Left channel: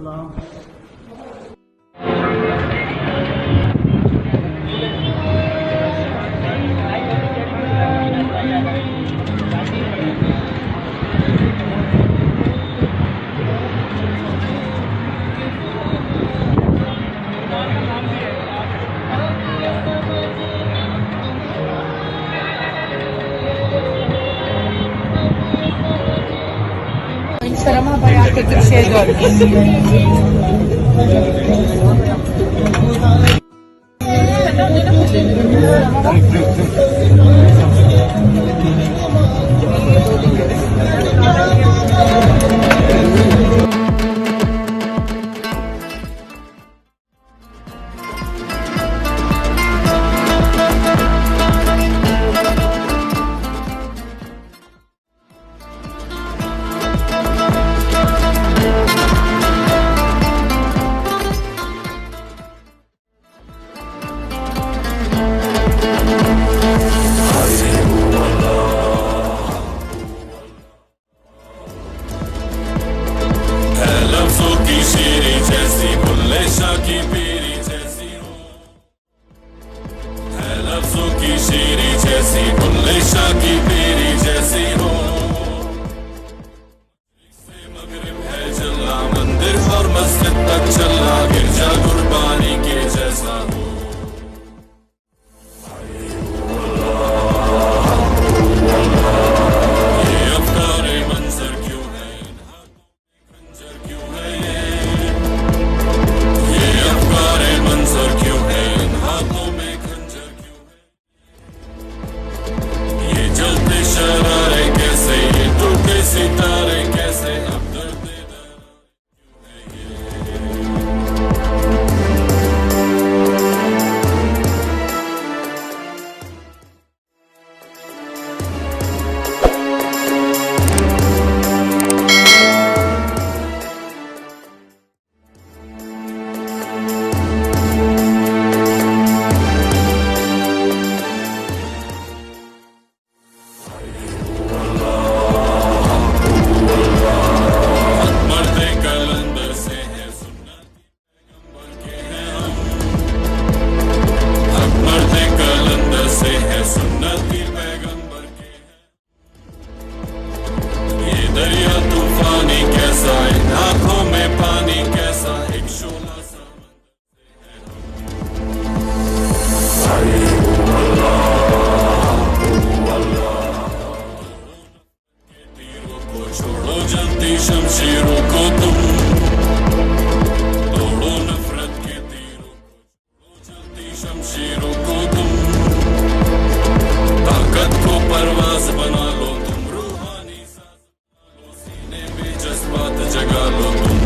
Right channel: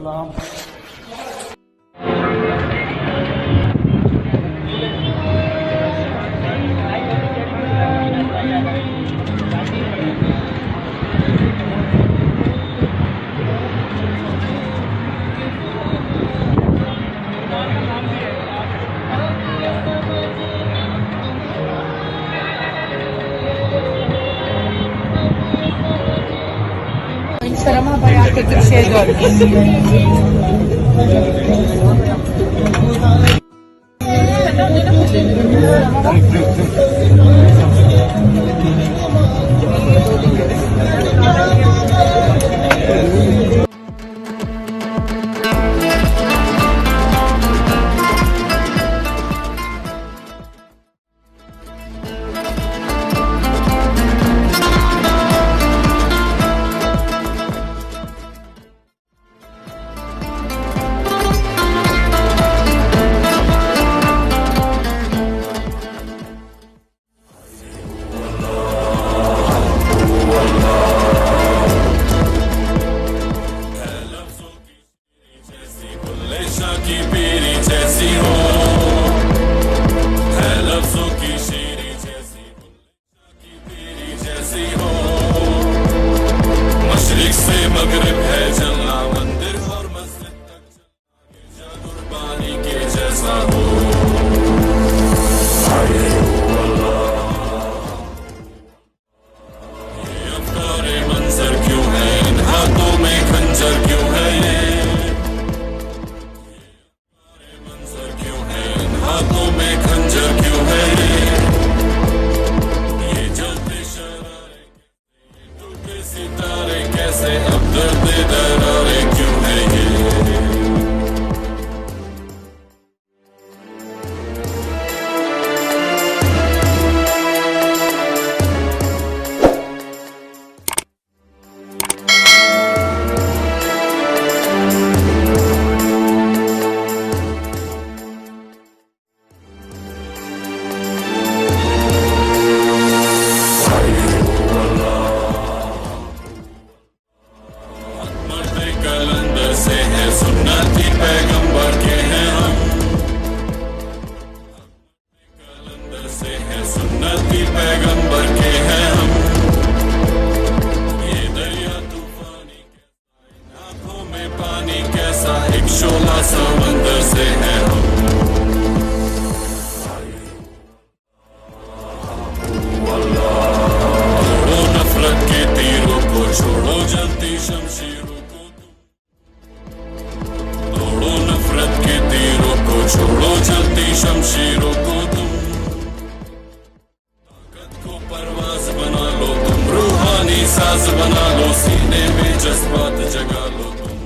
सलाम। Sarama bayağı kötü bir şey gördüm. की पीरी जैसी हो है, लफ्जों की शीरी जैसी, बुल्ले शाह की पीरी जैसी हो। मशरिक से मगरिब है जलना, मंदिर और मस्जिद तक चलना, गिरजा कुर्बानी के जैसा हो। ये अफकारे मंजर क्यों है, इन हाथों में खंजर क्यों है, ये अफकारे मंजर क्यों है, इन हाथों में खंजर क्यों है, ये जलते शरारे कैसे, ये टूटे सितारे कैसे, अब दर्द दरारे क्यों है ये। से है सुन्नती पैगंबर के हैं हम, हक मर्द कलंदर से है सुन्नती पैगंबर के हैं हम। ये दरिया तूफानी कैसा, इन आंखों में पानी कैसा, एक शोला समंदर से है हम। तोड़ो नफरत के तीरों को, छोड़ो जलती शमशीरों को तुम, तोड़ो नफरत के तीरों को, छोड़ो जलती शमशीरों को तुम। ताकत को परवाज बना लो तुम, रूहानी साज बना लो, सीने में जज्बात जगा लो तुम।